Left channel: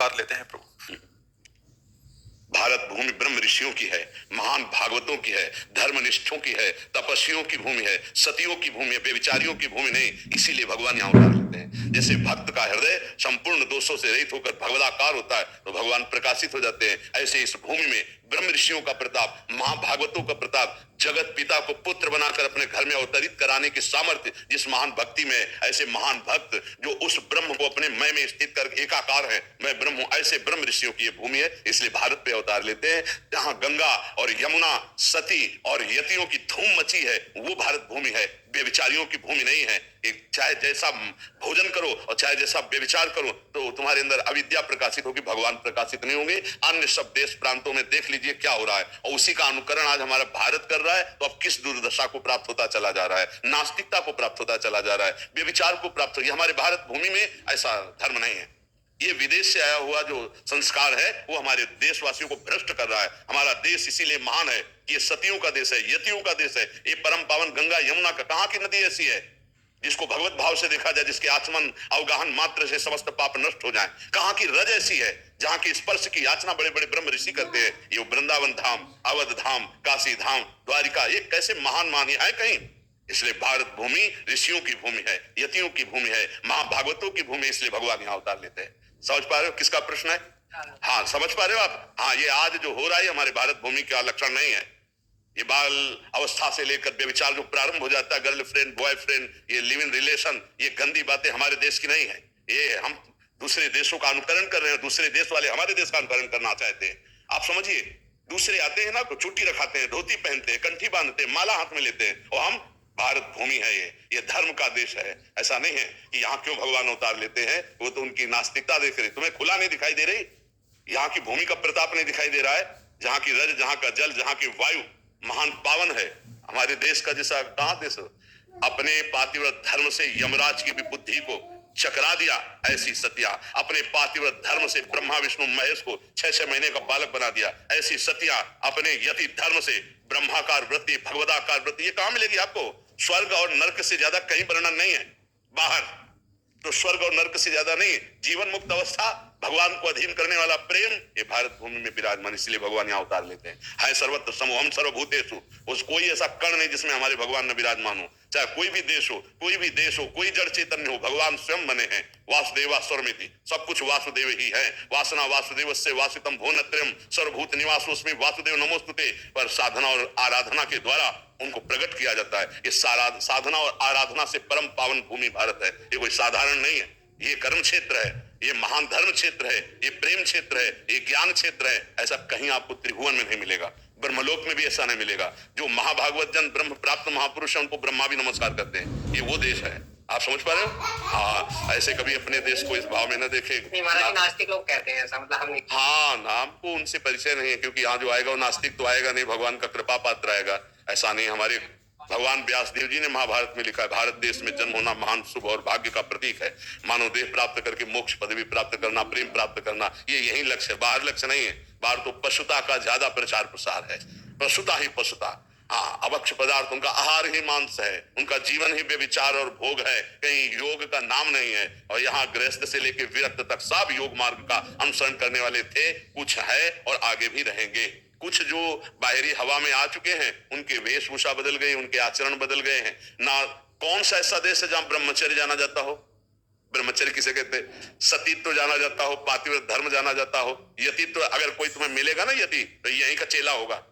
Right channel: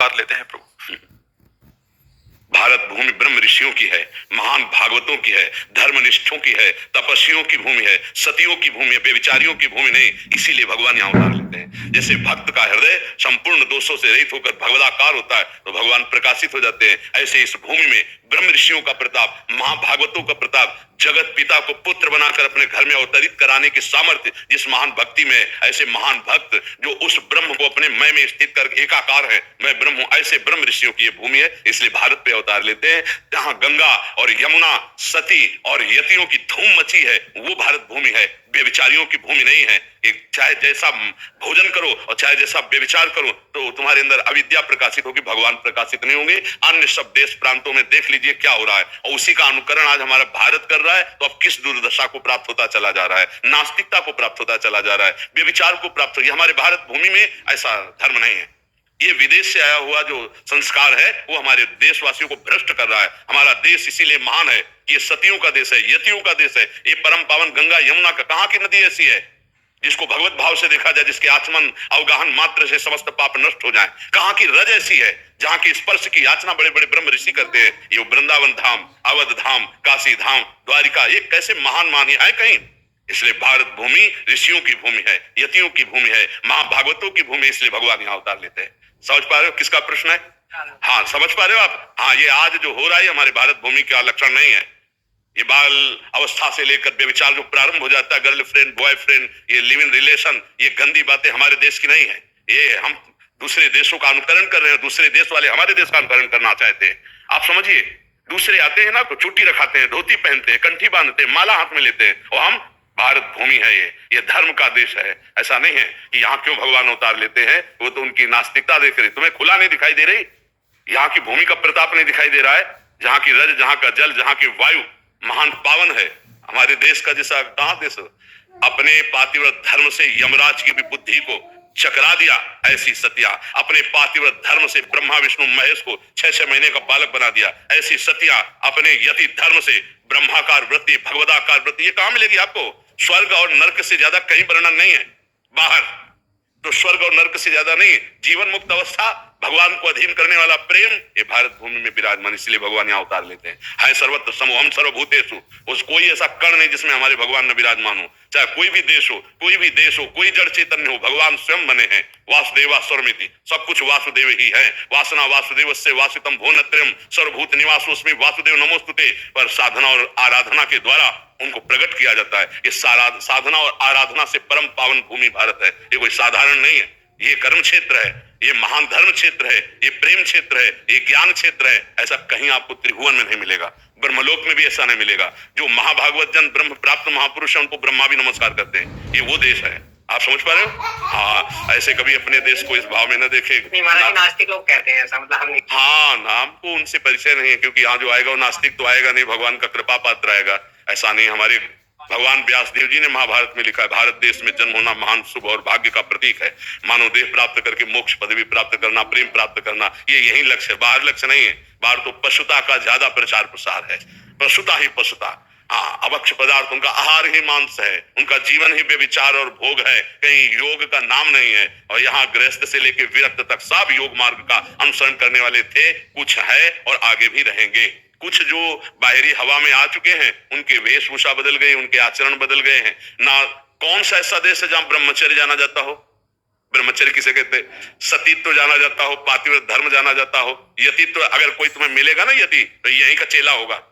बात लेते हैं प्रभु। भारत भूमि ब्रह्म ऋषियों की है, महान भागवतों की है, धर्मनिष्ठों की है, तपस्वियों की भूमि है, सतियों की भूमि है, बेविचारियों की भूमि नहीं। इसीलिए भगवान यहाँ उतार लेते हैं। जैसे भक्त का हृदय संपूर्ण दोषों से रहित होकर भगवदाकार होता है तो भगवान प्रकाशित हो जाते हैं। ऐसे इस भूमि में ब्रह्म ऋषियों का प्रताप, महाभागवतों का प्रताप, जगत पिता को पुत्र बनाकर अपने घर में अवतरित कराने की सामर्थ्य जिस महान भक्ति में, ऐसे महान भक्त जो उस ब्रह्म को अपने मय में स्थित कर एकाकार है, मैं ब्रह्म हूं, ऐसे ब्रह्म ऋषियों की ये भूमि है। इसलिए भारत पे अवतार लेते हैं। जहां गंगा और यमुना, सती और यतियों की धूम मची है वो भारत भूमि है, बेविचारियों की भूमि नहीं है। एक चाहे जैसा भोजन करो और चाहे जैसा व्यभिचार करो तो तुम्हारे अंदर अविद्या प्रकाशित होगी, भगवान प्रकाशित नहीं होंगे। अन्य सब देश प्रांतों में देख लीजिए क्या हो रहा है और उसी का अनुकरण आज हमारा भारत कर रहा है। तो अब किस दुर्दशा को प्राप्त होता चला जा रहा है, नास्तिकता को प्राप्त होता चला जा रहा है, व्यभिचार को प्राप्त हो। हमारे भारत भूमि में ऐसा धर्म नहीं है। ये विदेश से आया हुआ जो संस्कार है वो हमारे देशवासियों को भ्रष्ट कर रहा है। हमारा देश इसीलिए महान है कि ये सतियों का देश है, यतियों का देश है। ये परम पावन गंगा यमुना का, कहां की नदी ऐसी है जिसको भगवत भाव से देखा जाए, जिसके आचमन अवगाहन मात्र से समस्त पाप नष्ट हो जाए? कहां की रज ऐसी है जहां की स्पर्श की याचना बड़े बड़े ब्रह्म ऋषि करते हैं? ये वृंदावन धाम, अवध धाम, काशी धाम, द्वारिका, ये कैसे महान मानी है कहीं? इसलिए भारत भूमि ऋषियों की भूमि है, यतियों की भूमि है, महाभागवतों की भूमि। इसलिए भगवान यहाँ अवतार लेते हैं। समझ पा रहे हो किसका प्रश्न है? हाँ, समझ पा रहे हो आप? हाँ, ये आज जो हो रहा है हमारे भारत भूमि का लक्षण नहीं है। ये बाल अवस्था से लेकर व्यभिचार जो प्रारंभ हो जाता है, गर्लफ्रेंड बॉयफ्रेंड, ये लिव इन रिलेशन, ये गंदी बातें हमारे देश की नहीं है। ये हम दूसरे देशों का अनुकरण कर रहे हैं, दूसरे देश वाले हमारे देश का अनुकरण करना चाहते हैं। आप समझिए, दूसरे आते हैं ना तो चुट्टी रखाते हैं, धोती पहनते हैं, कंठी बांधते हैं, माला हाथ में लेते हैं, और हम, भारत भूमि है ये धर्म का देश है। ऐसा नहीं है कि यहाँ क्यों भगवान अवतार लेते हैं, वो तो उनकी नास्तिकता देख रही। तुम्हें खुला नहीं दिखाई दे रही? यहाँ की भूमि का प्रताप नहीं दिखाई दे रहा है? जहाँ की रज, जहाँ का जल, जहाँ की वायु महान पावन है। हमारे देश का जैसा कहाँ देश अपने पातिव्रत धर्म से यमराज की भी बुद्धि को चकरा दिया, ऐसी सतिया अपने पातिव्रत धर्म से ब्रह्मा विष्णु महेश को 6-6 महीने का बालक बना दिया, ऐसी सतिया अपने यति धर्म से ब्रह्माकार वृत्ति, भगवदाकार वृत्ति, ये कहां मिलेगी आपको? स्वर्ग और नर्क से ज्यादा कहीं वर्णन नहीं है बाहर। तो स्वर्ग और नर्क से ज्यादा नहीं, जीवन मुक्त अवस्था, भगवान को अधीन करने वाला प्रेम, ये भारत भूमि में विराजमान। इसलिए भगवान यहाँ उतार लेते हैं। है सर्वत्र समोहम सर्वभूतेषु, उस कोई ऐसा कण नहीं जिसमें हमारे भगवान न विराजमान हो। चाहे कोई भी देश हो, कोई भी देश हो, कोई जड़ चैतन्य हो, भगवान स्वयं बने हैं। वासुदेवा स्वरमिति, सब कुछ वासुदेव ही है। वासना वासुदेवस्य वासितम भुवनत्रयम् सर्वभूत निवासोऽस्मि वासुदेव नमोस्तुते। पर साधना और आराधना के द्वारा उनको प्रकट किया जाता है। ये साधना और आराधना से परम पावन भूमि भारत है। ये कोई साधारण नहीं है, ये कर्म क्षेत्र है, ये महान धर्म क्षेत्र है, ये प्रेम क्षेत्र है, ये ज्ञान क्षेत्र है। ऐसा कहीं आपको त्रिभुवन में नहीं मिलेगा, ब्रह्मलोक में भी ऐसा नहीं मिलेगा। जो महाभागवत जन ब्रह्म प्राप्त महापुरुष है उनको ब्रह्मा भी नमस्कार करते हैं। ये वो देश है। आप समझ पा रहे हो? हाँ, ऐसे कभी अपने देश को इस भाव में न देखे। नास्तिक लोग कहते हैं ऐसा, मतलब हम नहीं। हाँ, नाम को उनसे परिचय नहीं है, क्योंकि यहाँ जो आएगा वो नास्तिक तो आएगा नहीं, भगवान का कृपा पात्र आएगा। ऐसा नहीं, हमारे भगवान व्यास देव जी ने महाभारत में लिखा है, भारत देश में जन्म होना महान शुभ और भाग्य का प्रतीक है। मानव देह प्राप्त करके मोक्ष पदवी प्राप्त करना, प्रेम प्राप्त करना, ये यही लक्ष्य है, बाहर लक्ष्य नहीं है। बाहर तो पशुता का ज्यादा प्रचार प्रसार है, पशुता ही पशुता। हाँ, अभक्ष पदार्थ, उनका आहार ही मांस है, उनका जीवन ही व्यभिचार और भोग है, कहीं योग का नाम नहीं है। और यहाँ गृहस्थ से लेकर विरक्त तक सब योग मार्ग का अनुसरण करने वाले थे, कुछ है और आगे भी रहेंगे। कुछ जो बाहरी हवा में आ चुके हैं, उनके वेशभूषा बदल गई, उनके आचरण बदल गए हैं ना। कौन सा ऐसा देश है जहां ब्रह्मचर्य जाना जाता हो? ब्रह्मचर्य किसे कहते हैं? सतीत्व जाना जाता हो, पातिव्रत धर्म जाना जाता हो, यतित्व। अगर कोई तुम्हें मिलेगा ना यति, तो यहीं का चेला होगा।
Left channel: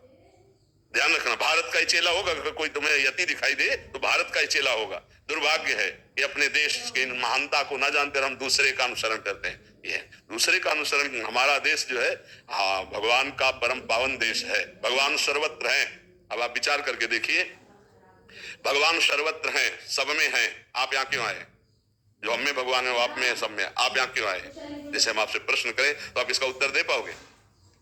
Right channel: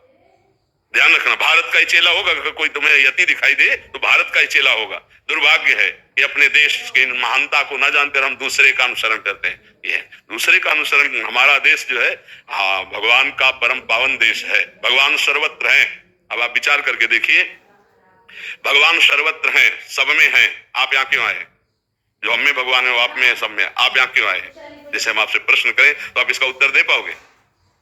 ध्यान रखना, भारत का ही चेला होगा। अगर कोई तुम्हें यति दिखाई दे तो भारत का ही चेला होगा। दुर्भाग्य है कि अपने देश की महानता को न जानकर हम दूसरे का अनुसरण करते हैं। ये दूसरे का अनुसरण, हमारा देश जो है, हाँ, भगवान का परम पावन देश है। भगवान सर्वत्र हैं। अब आप विचार करके देखिए, भगवान सर्वत्र हैं, सब में हैं। आप यहाँ क्यों आए? जो हम में भगवान है वो आप में है, सब में। आप यहाँ क्यों आए? जैसे हम आपसे प्रश्न करें तो आप इसका उत्तर दे पाओगे?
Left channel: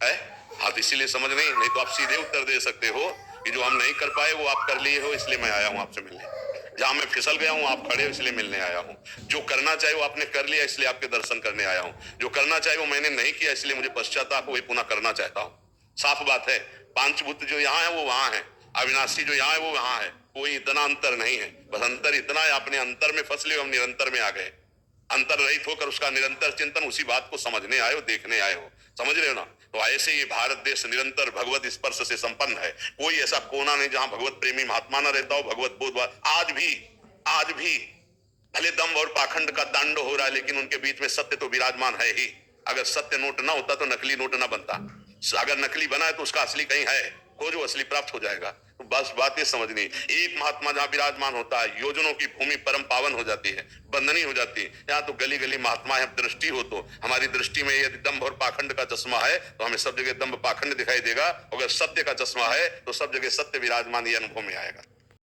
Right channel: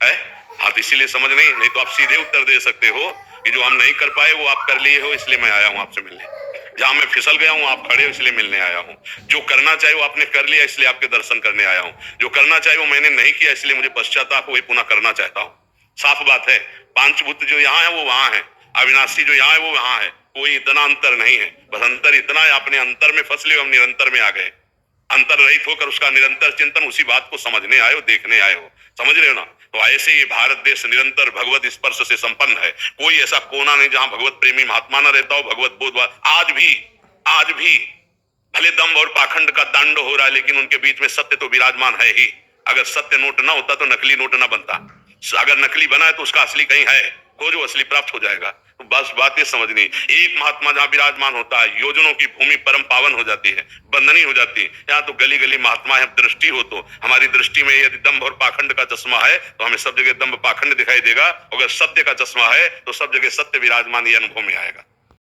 हाँ, तो इसीलिए समझ नहीं तो आप सीधे उत्तर दे सकते हो कि जो हम नहीं कर पाए वो आप कर लिए हो, इसलिए मैं आया हूं आपसे मिलने। जहां मैं फिसल गया हूं आप खड़े हो, इसलिए मिलने आया हूं। जो करना चाहिए वो आपने कर लिया, इसलिए आपके दर्शन करने आया हूं। जो करना चाहिए वो मैंने नहीं किया, इसलिए मुझे पश्चाताप वही पुनः करना चाहता हूं। साफ बात है, पांचभूत जो यहाँ है वो वहां है, अविनाशी जो यहाँ है वो वहां है। कोई इतना अंतर नहीं है, बस अंतर इतना है अपने अंतर में फंस ले, हम निरंतर में आ गए। अंतर रहित होकर उसका निरंतर चिंतन, उसी बात को समझने आए हो, देखने आए हो। समझ रहे हो ना? तो ऐसे ये भारत देश निरंतर भगवत स्पर्श से संपन्न है। कोई ऐसा कोना नहीं जहां भगवत प्रेमी महात्मा न रहता हो, भगवत बोध। आज भी भले दम्भ और पाखंड का तांडव हो रहा है, लेकिन उनके बीच में सत्य तो विराजमान है ही। अगर सत्य नोट ना होता तो नकली नोट ना बनता। अगर नकली बना है तो उसका असली कहीं है, खोजो, असली प्राप्त हो जाएगा। तो बस बात ये समझनी, एक महात्मा जहां विराजमान होता है, योजनों की भूमि परम पावन हो जाती है, बंदनी हो जाती है। यहाँ तो गली गली महात्मा है। दृष्टि हो तो हमारी दृष्टि में यदि दम्भ और पाखंड का चश्मा है तो हमें सब जगह दम्भ पाखंड दिखाई देगा। अगर सत्य का चश्मा है तो सब जगह सत्य विराजमान ये अनुभव में आएगा।